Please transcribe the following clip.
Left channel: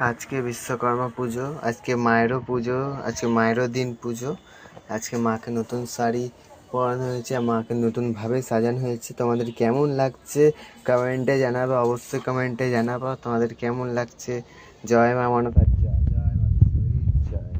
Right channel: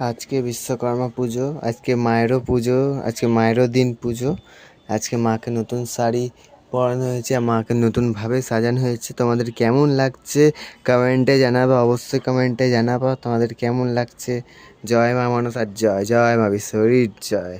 আজকে বিশ্বকর্মা পুজো, আজকে মায়েরও পুজো, আজকে মায়েরও দিন পুজো। আজকে মাকে নতুন শাড়ি পরানো হয়েছে, মাকে নতুনভাবে সাজানো হয়েছে। তোমাদের কেমন লাগছে কমেন্টে জানাবে, অবশ্যই কমেন্টে জানাবো তোমাদের কেমন লাগছে। জয় মা মনসার জয়, জয় মা বিশ্বরীর জয়।